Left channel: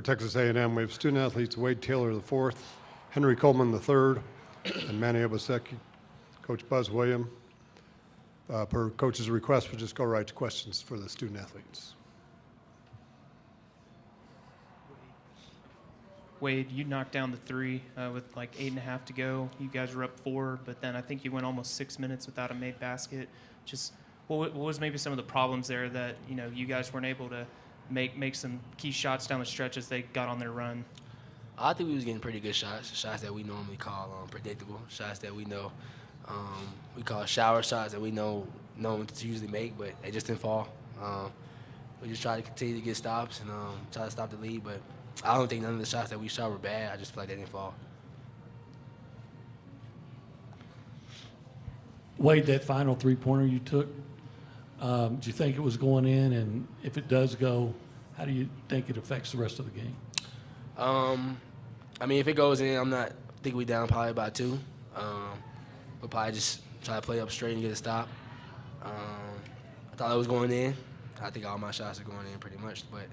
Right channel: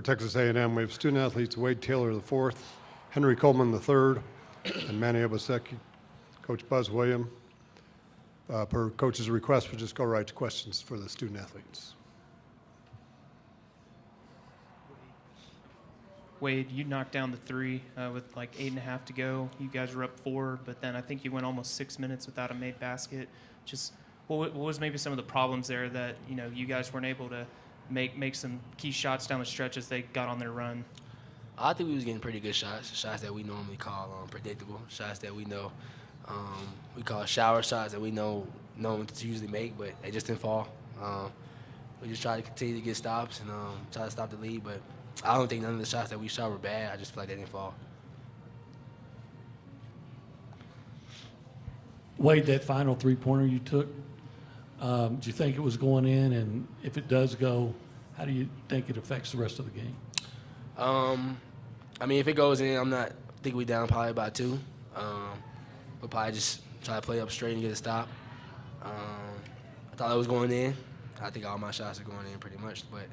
For Texas A&M, we have student athletes Wade Taylor IV, Henry Coleman III, and Manny Obaseki. Coach Buzz William. Per coach's request, we'll just go right to questions for the student athletes. Wade, you knocked down the three with like 8.5 to go. You guys were up 4, but then I think you went almost 6 minutes without a made basket. Just what was maybe some of the problems there that you guys weren't able to make some key shots down the stretch as they got on their run? I think we was getting pretty good shots that we normally call predictable, shots that we know. We call shower shots that we know to usually make, but they just didn't fall. We just try to continue to get stops and try to stop the lead, but I don't think none of the shots that we shot were bad. I just feel like they didn't fall. Wade, that final three-pointer you took, do you think it was going in? And if it does go, how do you think it affects the rest of the game? I mean, if it goes in, I think we down probably by 2. We'll probably just try to play up straight and get a stop. I thought it was going in. I think all my shots are going in pretty much, but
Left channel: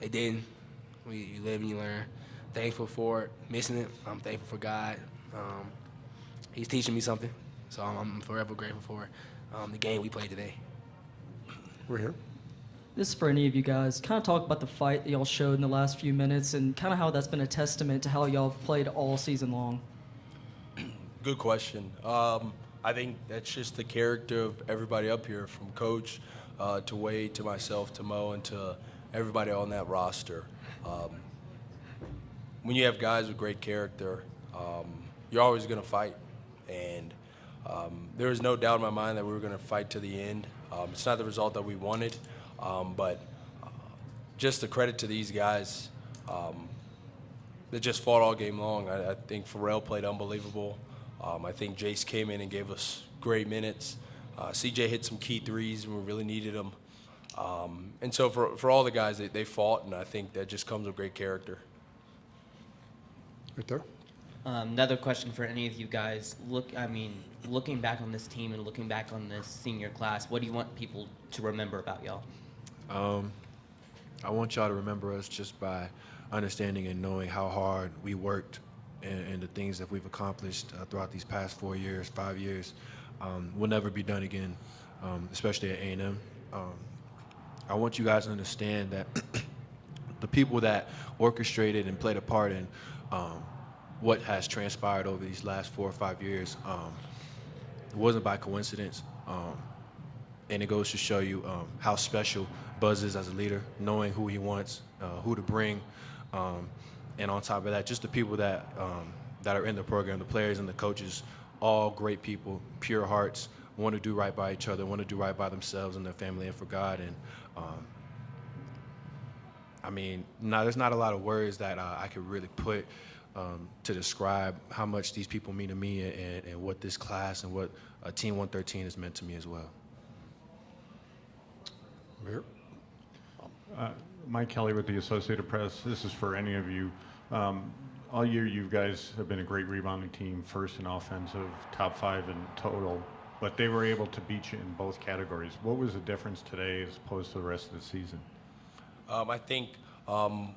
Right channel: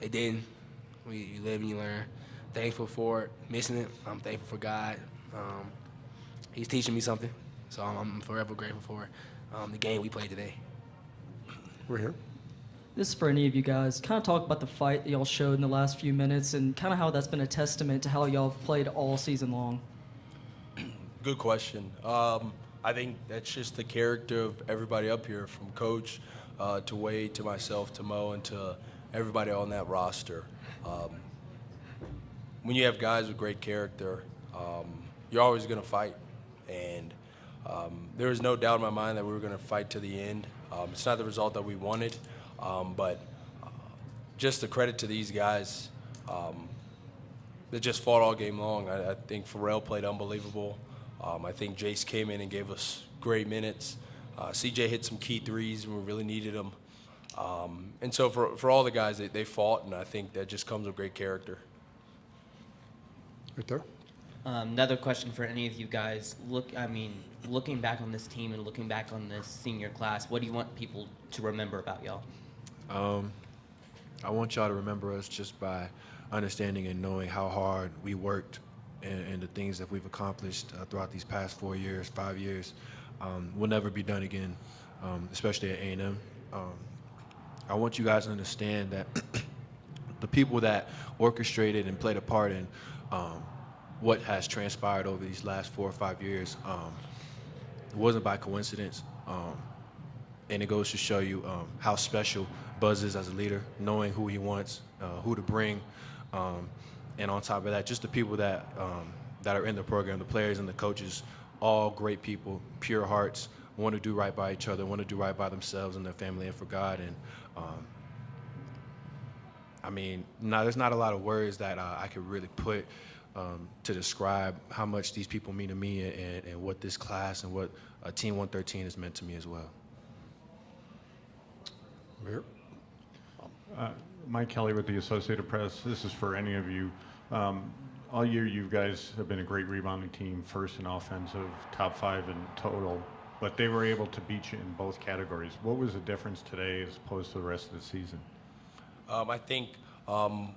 it didn't. You live and you learn. Thankful for it. Missing it, I'm thankful for God. He's teaching me something, so I'm forever grateful for the game we played today. We're here. This is for any of you guys. Kind of talk about the fight that y'all showed in the last few minutes and kind of how that's been a testament to how y'all have played all season long. Good question. I think that's just the character of everybody up here, from Coach to Wade to myself to Mo and to everybody on that roster. When you have guys with great character, you're always going to fight. And there was no doubt in my mind that we were going to fight to the end. It's not the result that we wanted, but just the credit to these guys that just fought all game long. I think Pharrell played unbelievable. I think Jace came in and gave us great minutes. CJ hit some key threes when we really needed them. And so for all the guys, they fought, and I think that just comes with great character. Right there. Another question for any of you guys. Looking back on this team and looking back on this senior class, what do you want people to remember about y'all? I want y'all to remember us just by understanding and knowing how hard we worked and the things that we've accomplished throughout these past 4 years, 5 years. Will never be done again, especially at A&M. I want you guys to understand that the people that orchestrated and played a part in what has transpired over these last 4 or 5 years, it wasn't by coincidence. And it goes to show you how special Buzz is as a leader, knowing who he wants, who to bring, and on top of that, just the people that are in the program, the players and the coaches, all great people, pure hearts, want to do right by each other, want to do right by themselves and their family and for God. And there's not a lot of words that I could really put to describe how much these people mean to me and what this class and what Team 113 has meant to me as well. We're here. Mike Kelly with the Associated Press. This is for any of you. All year, you guys have been a great rebounding team, first in offensive, top 5 in total, but they were able to beat you in both categories. What was the difference today as opposed to the rest of the season? I think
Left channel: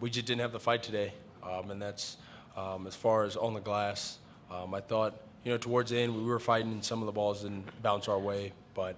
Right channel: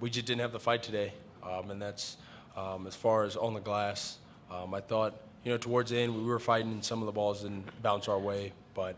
we just didn't have the fight today, and that's as far as on the glass. I thought, towards the end we were fighting and some of the balls didn't bounce our way, but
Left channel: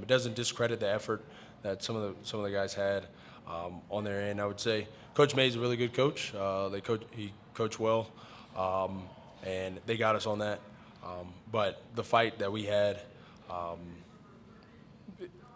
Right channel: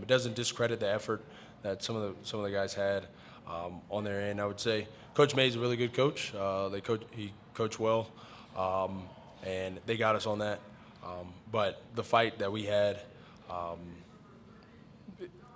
it doesn't discredit the effort that some of the guys had on their end. I would say Coach May's a really good coach. He coached well, and they got us on that. But the fight that we had,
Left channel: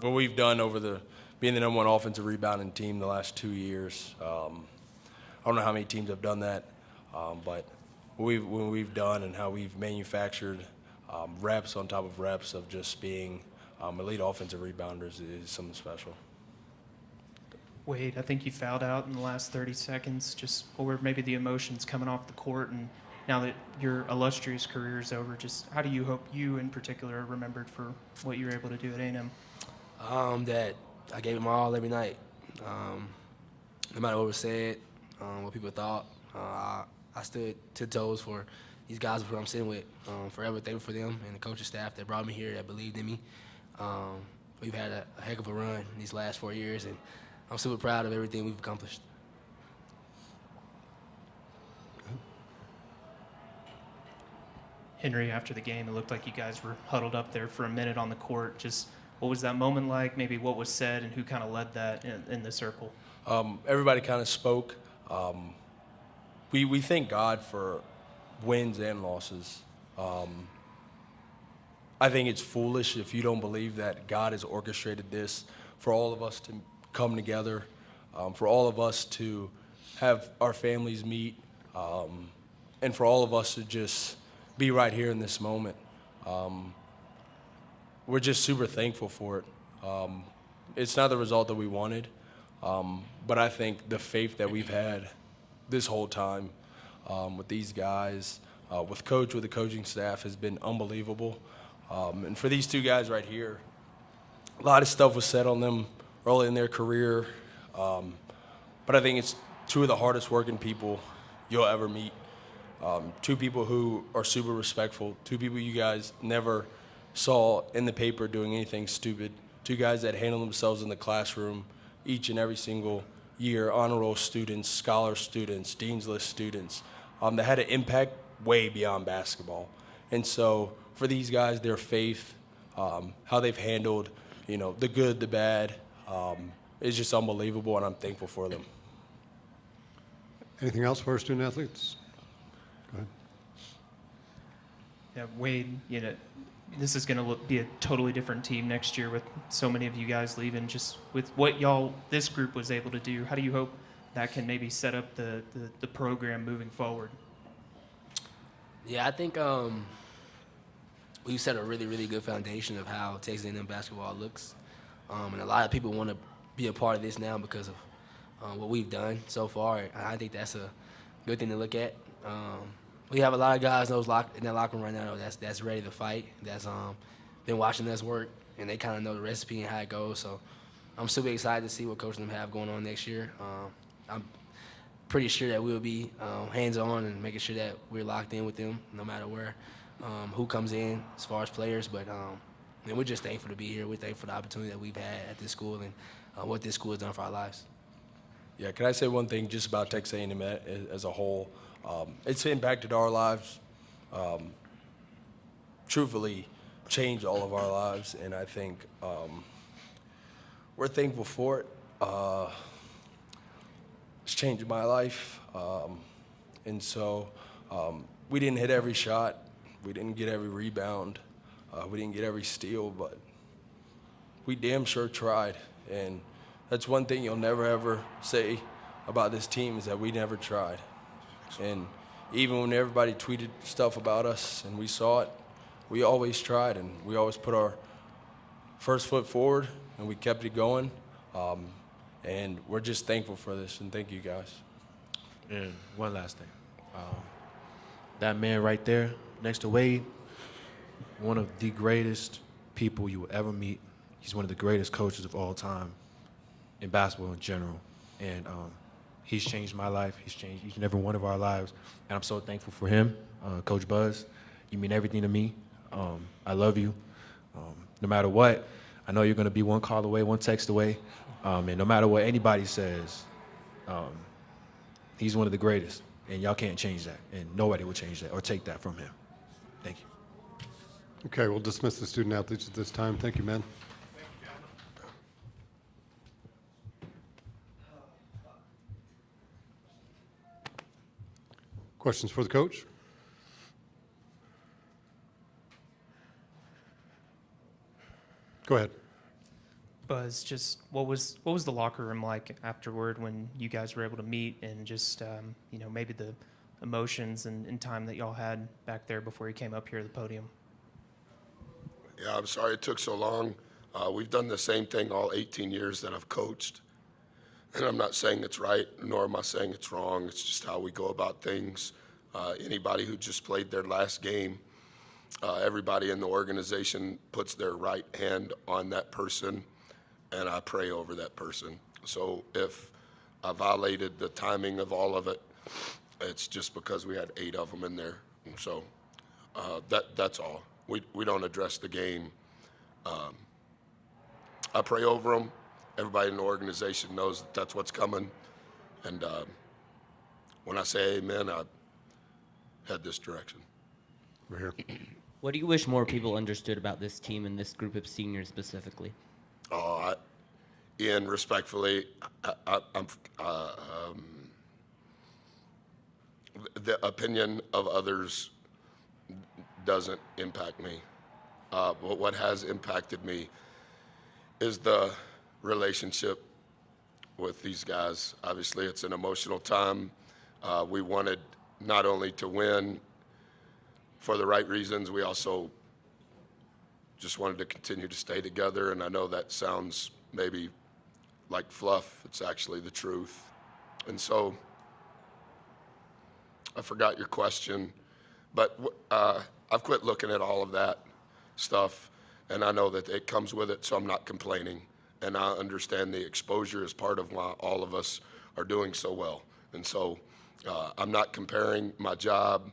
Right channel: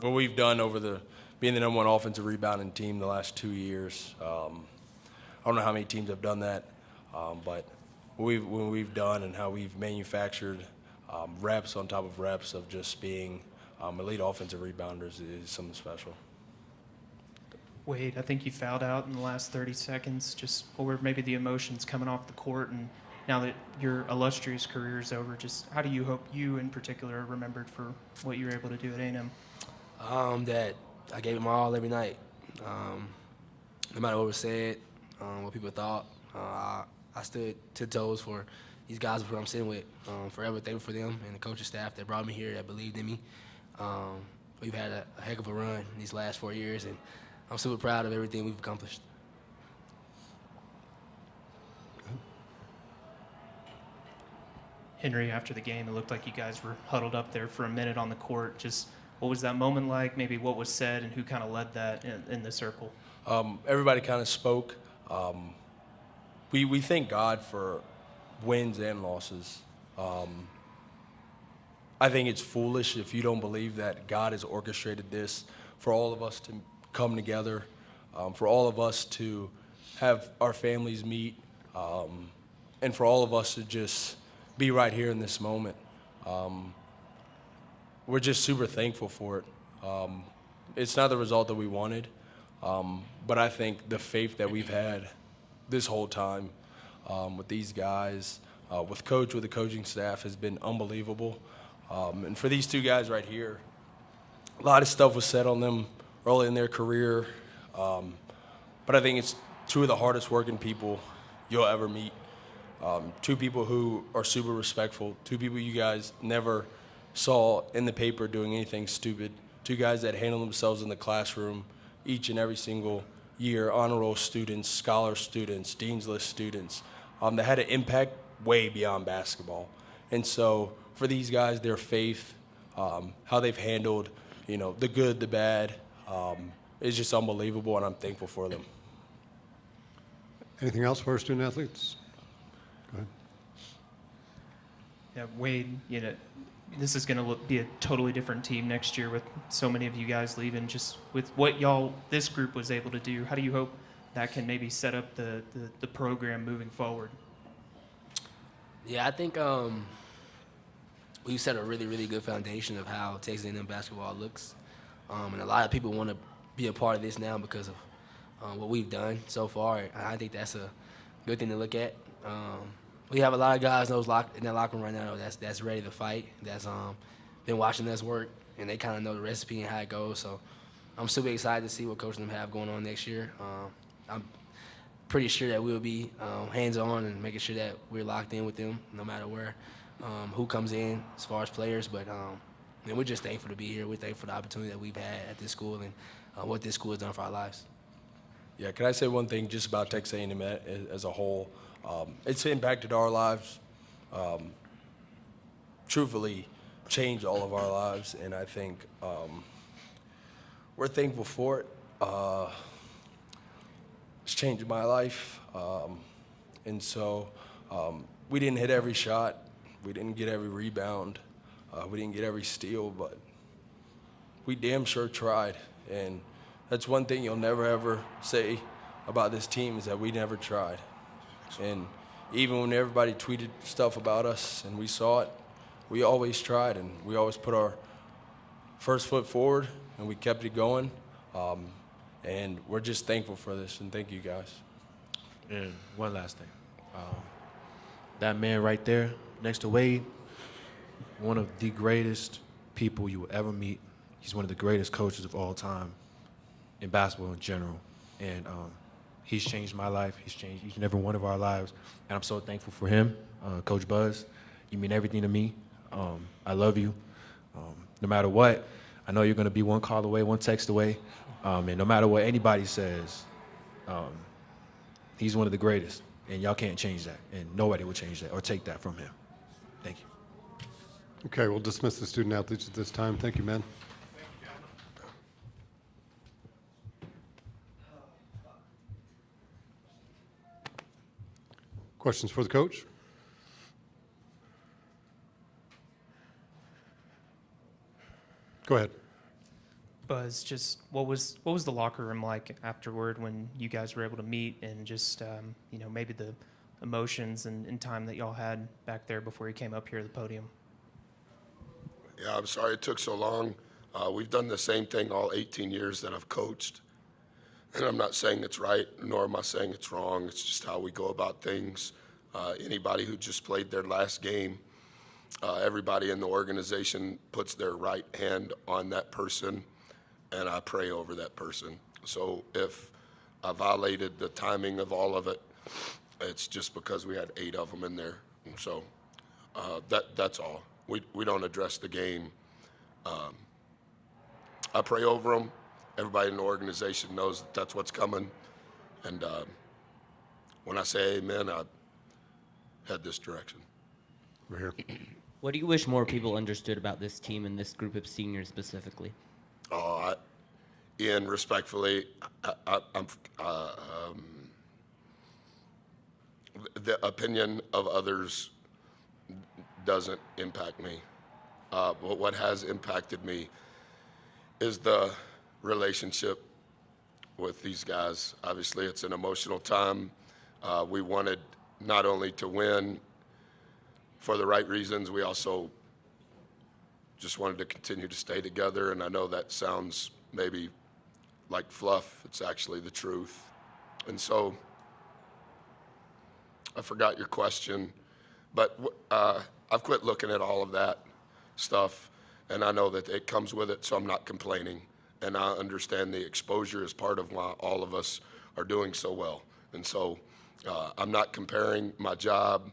what we've done over being the #1 offensive rebounding team the last 2 years, I don't know how many teams have done that, but what we've done and how we've manufactured reps on top of reps of just being elite offensive rebounders is something special. Wade, I think you fouled out in the last 30 seconds. Just what were maybe the emotions coming off the court, and now that your illustrious career is over, just how do you hope you in particular are remembered for what you were able to do at A&M? That I gave it my all every night. No matter what was said, what people thought, I stood 10 toes for these guys who I'm sitting with. Forever thankful for them and the coaching staff that brought me here, that believed in me. We've had a heck of a run these last 4 years, and I'm super proud of everything we've accomplished. Henry, after the game, it looked like you guys were huddled up there for a minute on the court. Just what was that moment like? Maybe what was said and who kind of led that in the circle? Everybody kind of spoke. We thank God for wins and losses. I think it's foolish if you don't believe that God has orchestrated this for all of us to come together, for all of us to have our families meet, and for all of us to just be right here in this moment. We're just super thankful for it. It's not the result that we wanted, but I think the faith that we've had this whole time with these guys, with the coaching staff has been unbelievable. And for these two guys right here, a lot of stuff was said on them early in their career, but I think it's two of the hardest working people you'll ever meet. Two people who are super respectful, two people you guys never saw in the paper doing anything stupid, two guys that handle themselves in the classroom each and every single year, honor roll students, scholar students, dean's list students, that had an impact way beyond basketball. And so for these guys, their faith, how they've handled, the good, the bad, is just unbelievable, and I'm thankful for them. Anything else for our student athletes? Go ahead. Yeah, Wade, this is going to be a totally different team next year with so many of you guys leaving. Just with what this group was able to do, how do you hope that can maybe set up the program moving forward? Yeah, I think we've set a really, really good foundation of how Texas A&M basketball looks. And a lot of people want to be a part of this now because of what we've done so far. And I think that's a good thing to look at. We have a lot of guys in that locker room right now that's ready to fight, that's been watching us work, and they kind of know the recipe and how it goes. So I'm super excited to see what coaches them have going on next year. I'm pretty sure that we'll be hands-on and making sure that we're locked in with them no matter who comes in as far as players. But we're just thankful to be here. We're thankful for the opportunity that we've had at this school and what this school has done for our lives. Yeah, can I say one thing just about Texas A&M as a whole? It's impacted our lives, truthfully changed all of our lives, and I think we're thankful for it. It's changed my life, and so we didn't hit every shot, we didn't get every rebound, we didn't get every steal, but we damn sure tried, and that's one thing you'll never ever say about this team is that we never tried. And even when everybody tweeted stuff about us and we saw it, we always tried and we always put our first foot forward and we kept it going. And we're just thankful for this, and thank you guys. And one last thing. That man right there next to Wade, one of the greatest people you will ever meet. He's one of the greatest coaches of all time in basketball in general. And he's changed my life. He's changed each and every one of our lives. And I'm so thankful for him. Coach Buzz, you mean everything to me. I love you. No matter what, I know you're going to be one call away, one text away. And no matter what anybody says, he's one of the greatest. And y'all can't change that. And nobody will change that or take that from him. Thank you. Okay, we'll dismiss the student athletes at this time. Thank you, man. Questions for the coach? Go ahead. Buzz, just what was the locker room like afterward when you guys were able to meet and just maybe the emotions and time that y'all had back there before you came up here to the podium? Yeah, I'm sorry it took so long. We've done the same thing all 18 years that I've coached. And I'm not saying it's right, nor am I saying it's wrong. It's just how we go about things. Anybody who just played their last game, everybody in the organization puts their right hand on that person, and I pray over that person. So if I violated the timing of all of it, it's just because we had 8 of them in there. And so that's all. We don't address the game. I pray over them. Everybody in the organization knows that that's what's coming. And when I say amen, I head this direction. We're here. What do you wish more people understood about this team and this group of seniors specifically? Ian, respectfully, the opinion of others doesn't impact me. But what has impacted me is the relationship with these guys. Obviously, it's an emotional time. We wanted not only to win for the right reasons, we also just wanted to continue to stay together. And I know that sounds maybe like fluff. It's actually the truth. And so I forgot your question, but I've quit looking at all of that stuff, and I know that it comes with it, so I'm not complaining. And I understand the exposure is part of why all of us are doing so well. And so I'm not comparing my job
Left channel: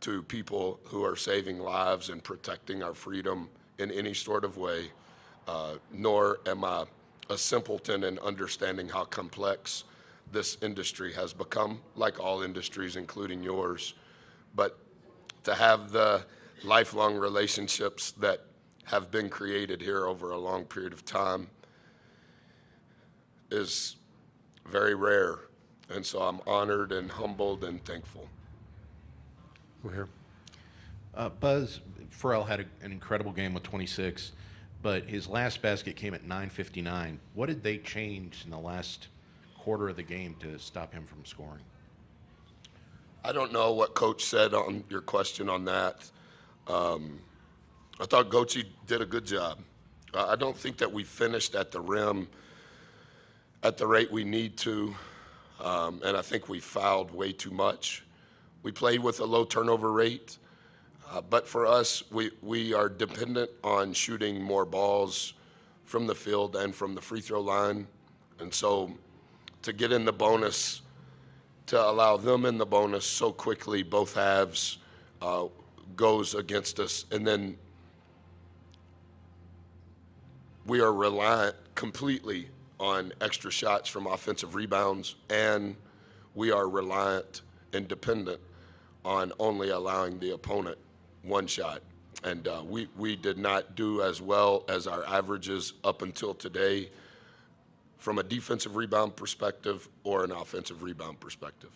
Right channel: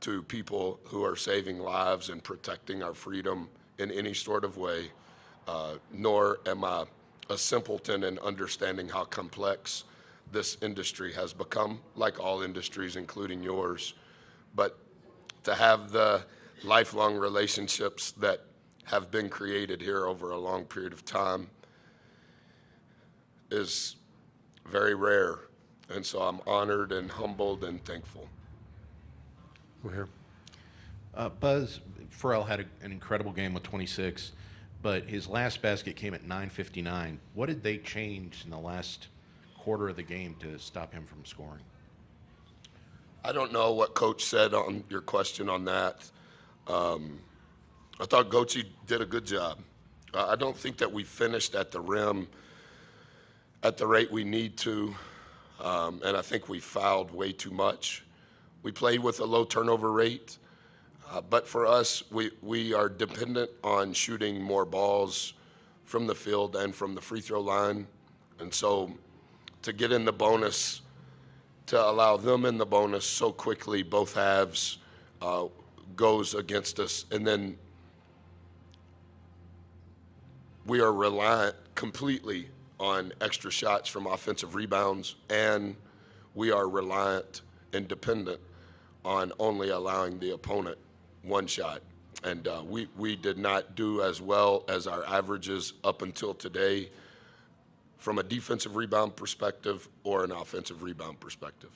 to people who are saving lives and protecting our freedom in any sort of way, nor am I a simpleton in understanding how complex this industry has become, like all industries, including yours. But to have the lifelong relationships that have been created here over a long period of time is very rare. And so I'm honored and humbled and thankful. We're here. Buzz Farrell had an incredible game with 26, but his last basket came at 9:59. What did they change in the last quarter of the game to stop him from scoring? I don't know what Coach said on your question on that. I thought Gochi did a good job. I don't think that we finished at the rim at the rate we need to, and I think we fouled way too much. We played with a low turnover rate, but for us, we are dependent on shooting more balls from the field and from the free throw line. And so to get in the bonus, to allow them in the bonus so quickly, both halves, goes against us. And then we are reliant completely on extra shots from offensive rebounds, and we are reliant and dependent on only allowing the opponent one shot. And we did not do as well as our averages up until today from a defensive rebound perspective or an offensive rebound perspective.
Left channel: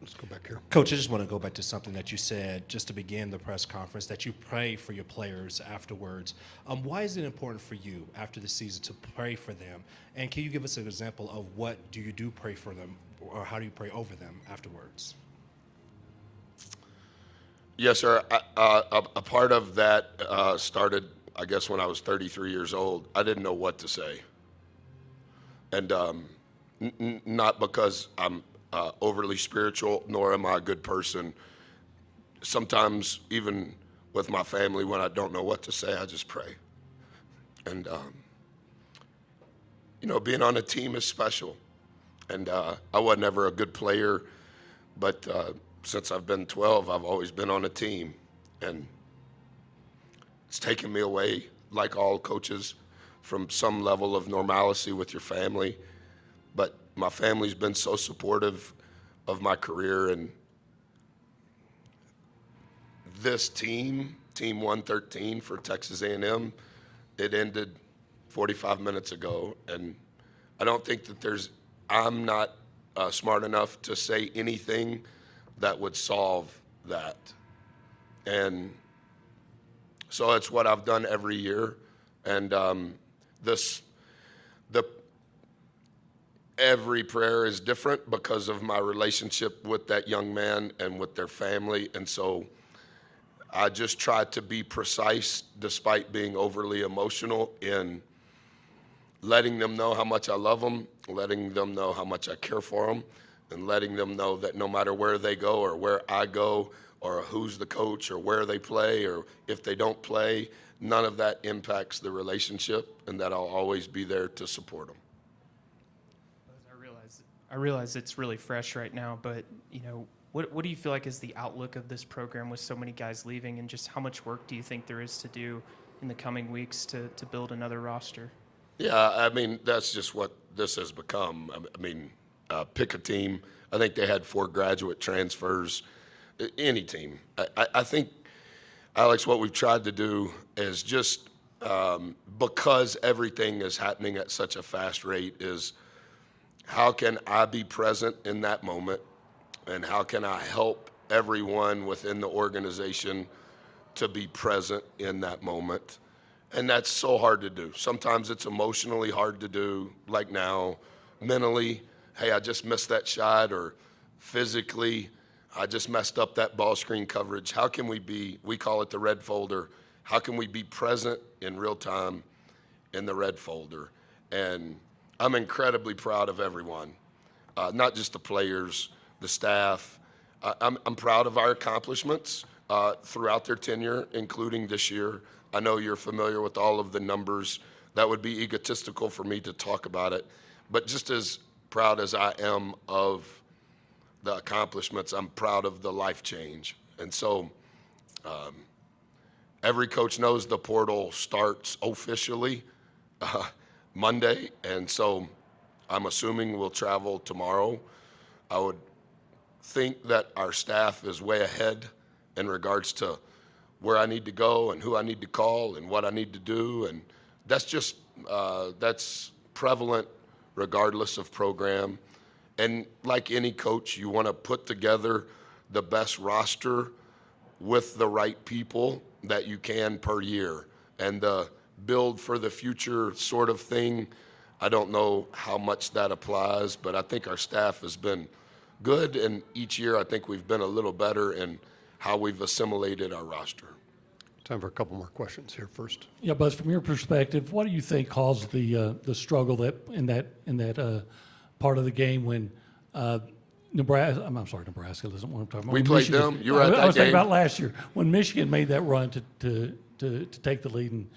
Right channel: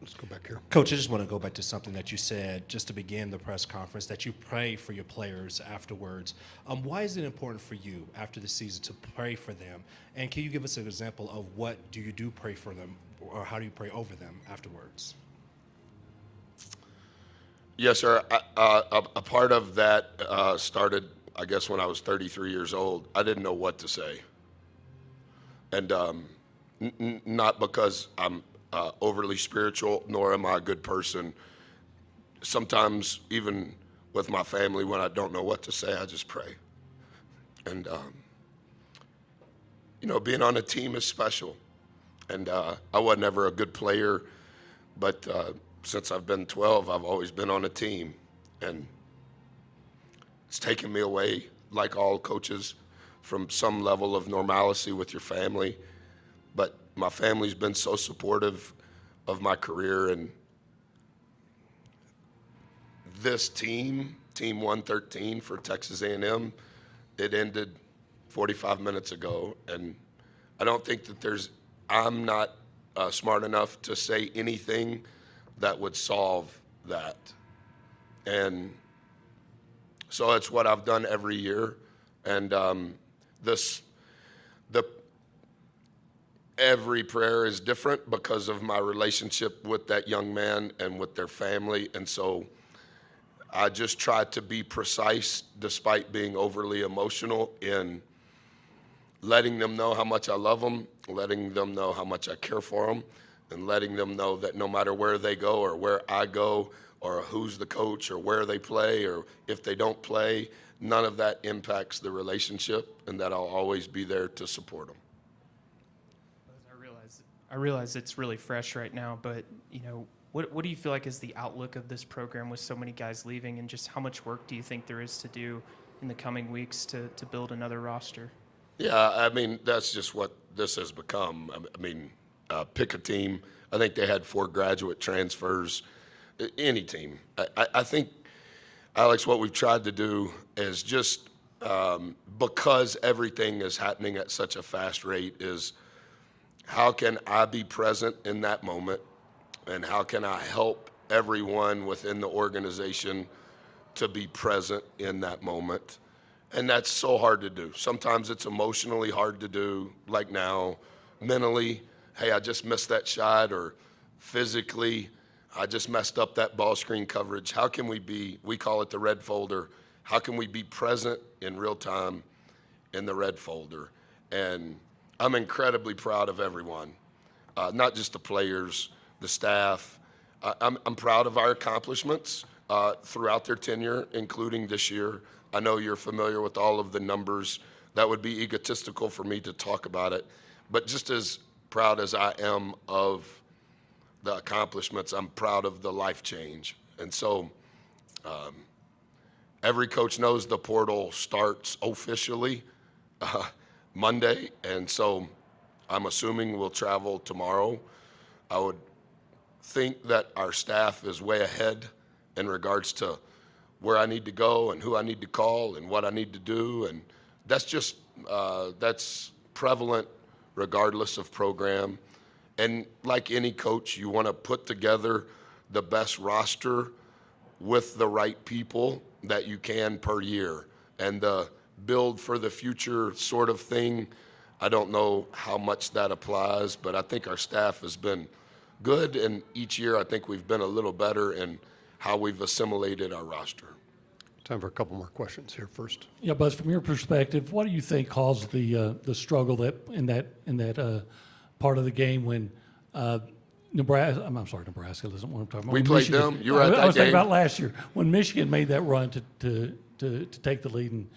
Let's go back here. Coach, I just want to go back to something that you said just to begin the press conference, that you pray for your players afterwards. Why is it important for you after the season to pray for them? And can you give us an example of what do you do pray for them, or how do you pray over them afterwards? Yes, sir. A part of that started, I guess, when I was 33 years old. I didn't know what to say. And not because I'm overly spiritual, nor am I a good person. Sometimes, even with my family, when I don't know what to say, I just pray. And, being on a team is special. And I was never a good player, but since I've been 12, I've always been on a team. And it's taken me away, like all coaches, from some level of normalcy with your family. But my family's been so supportive of my career, and this team 113 for Texas A&M, it ended 45 minutes ago, and I don't think that I'm not smart enough to say anything that would solve that. And so it's what I've done every year, and every prayer is different because of my relationship with that young man and with their family. And so I just try to be precise despite being overly emotional in letting them know how much I love them, letting them know how much I care for them, and letting them know that no matter where they go or where I go or who's the coach or where they play or if they don't play, none of that impacts the relationship, and that I'll always be there to support them. I realize it's really fresh right now, but what do you feel like is the outlook of this program with so many guys leaving, and just how much work do you think there is to do in the coming weeks to build another roster? Yeah, I mean, that's just what this has become. I mean, pick a team. I think they had 4 graduate transfers. Any team. I think, Alex, what we've tried to do is just because everything is happening at such a fast rate is how can I be present in that moment, and how can I help everyone within the organization to be present in that moment. And that's so hard to do. Sometimes it's emotionally hard to do, like now. Mentally, hey, I just missed that shot, or physically, I just messed up that ball screen coverage. How can we call it the red folder, how can we be present in real time in the red folder? And I'm incredibly proud of everyone, not just the players, the staff. I'm proud of our accomplishments throughout their tenure, including this year. I know you're familiar with all of the numbers. That would be egotistical for me to talk about it. But just as proud as I am of the accomplishments, I'm proud of the life change. And so every coach knows the portal starts officially Monday. And so I'm assuming we'll travel tomorrow. I would think that our staff is way ahead in regards to where I need to go and who I need to call and what I need to do. And that's just, that's prevalent regardless of program. And like any coach, you want to put together the best roster with the right people that you can per year. And the build for the future sort of thing, I don't know how much that applies, but I think our staff has been good. And each year I think we've been a little better in how we've assimilated our roster. Time for a couple more questions here first. Yeah, Buzz, from your perspective, what do you think caused the struggle in that part of the game when Nebraska? I'm sorry, Nebraska isn't what I'm talking about. We played Michigan, them. You were at that I was thinking game. about last year when Michigan made that run to take the lead, and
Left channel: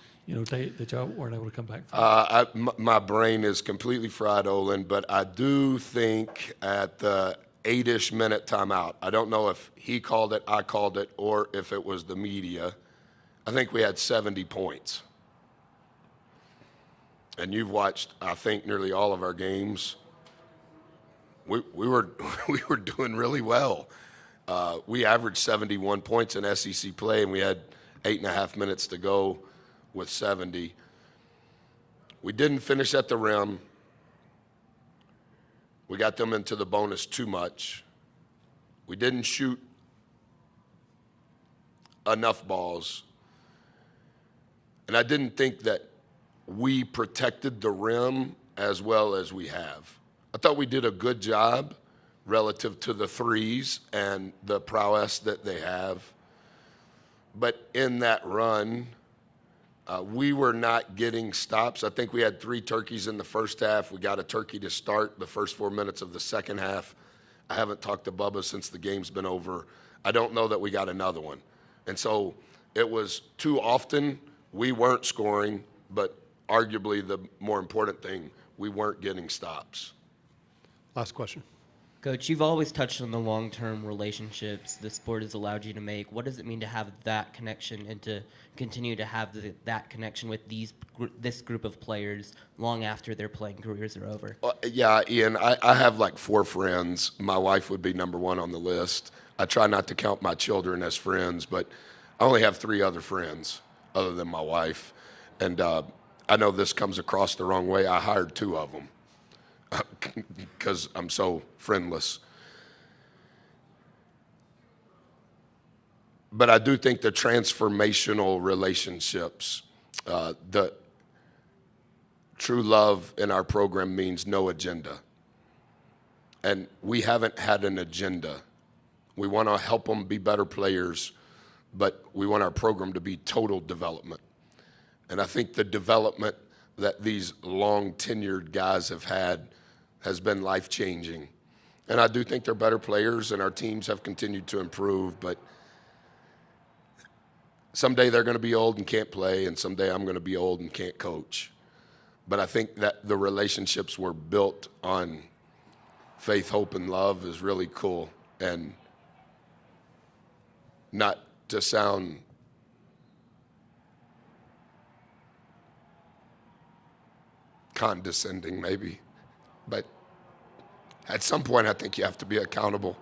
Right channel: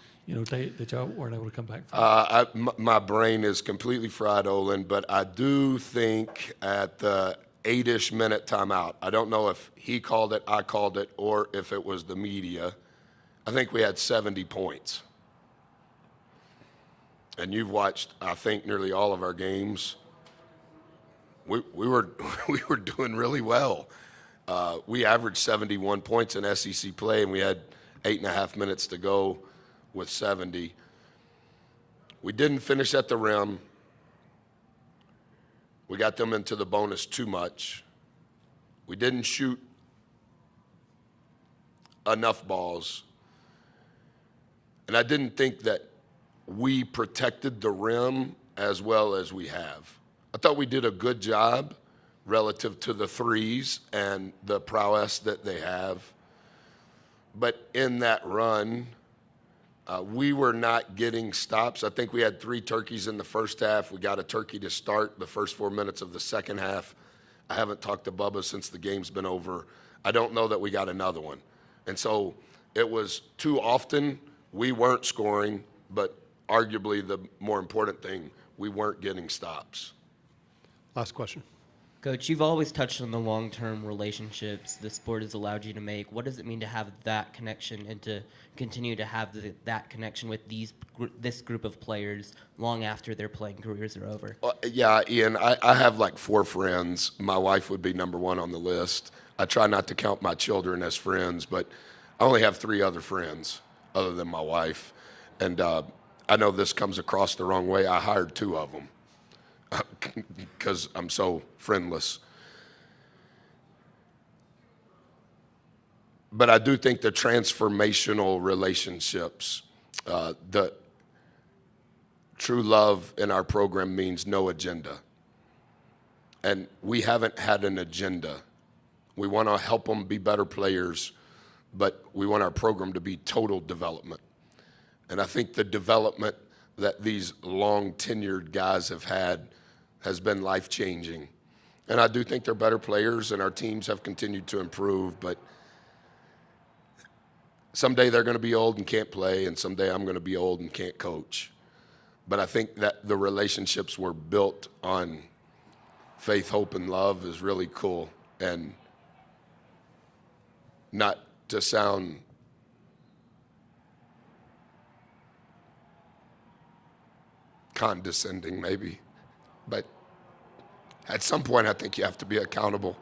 that y'all weren't able to come back from. My brain is completely fried, Olin, but I do think at the 8-ish minute timeout, I don't know if he called it, I called it, or if it was the media. I think we had 70 points. And you've watched, I think, nearly all of our games. We were doing really well. We averaged 71 points in SEC play, and we had 8.5 minutes to go with 70. We didn't finish at the rim. We got them into the bonus too much. We didn't shoot enough balls. And I didn't think that we protected the rim as well as we have. I thought we did a good job relative to the threes and the prowess that they have. But in that run, we were not getting stops. I think we had 3 turkeys in the first half. We got a turkey to start the first 4 minutes of the second half. I haven't talked to Bubba since the game's been over. I don't know that we got another one. And so it was too often we weren't scoring, but arguably the more important thing, we weren't getting stops. Last question. Coach, you've always touched on the long-term relationships the sport has allowed you to make. What does it mean to have that connection and to continue to have that connection with this group of players long after their playing careers are over? Yeah, Ian, I have like 4 friends. My wife would be number 1 on the list. I try not to count my children as friends, but I only have 3 other friends other than my wife. And I know this comes across the wrong way. I hired 2 of them because I'm so friendless. But I do think the transformational relationships, the true love in our program means no agenda. And we haven't had an agenda. We want to help them be better players, but we want our program to be total development. And I think the development that these long tenured guys have had has been life-changing. And I do think they're better players, and our teams have continued to improve, but someday they're going to be old and can't play, and someday I'm going to be old and can't coach. But I think that the relationships were built on faith, hope, and love is really cool. And not to sound condescending maybe, but at some point I think you have to be accountable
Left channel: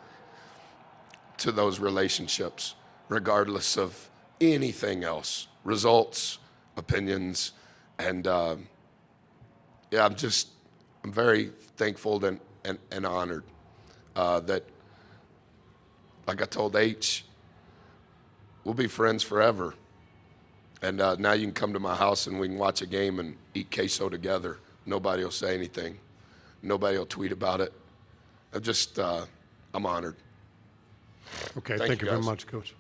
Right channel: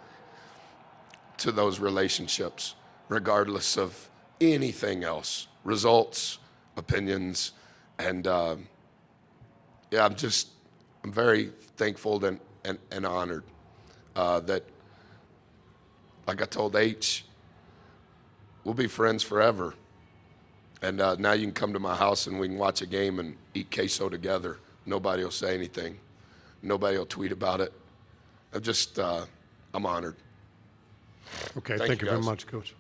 to those relationships, regardless of anything else, results, opinions, and yeah, I'm very thankful and honored that, like I told H, we'll be friends forever. And now you can come to my house and we can watch a game and eat queso together. Nobody will say anything. Nobody will tweet about it. I'm honored. Okay, Thank thank you, you very guys. much, Coach.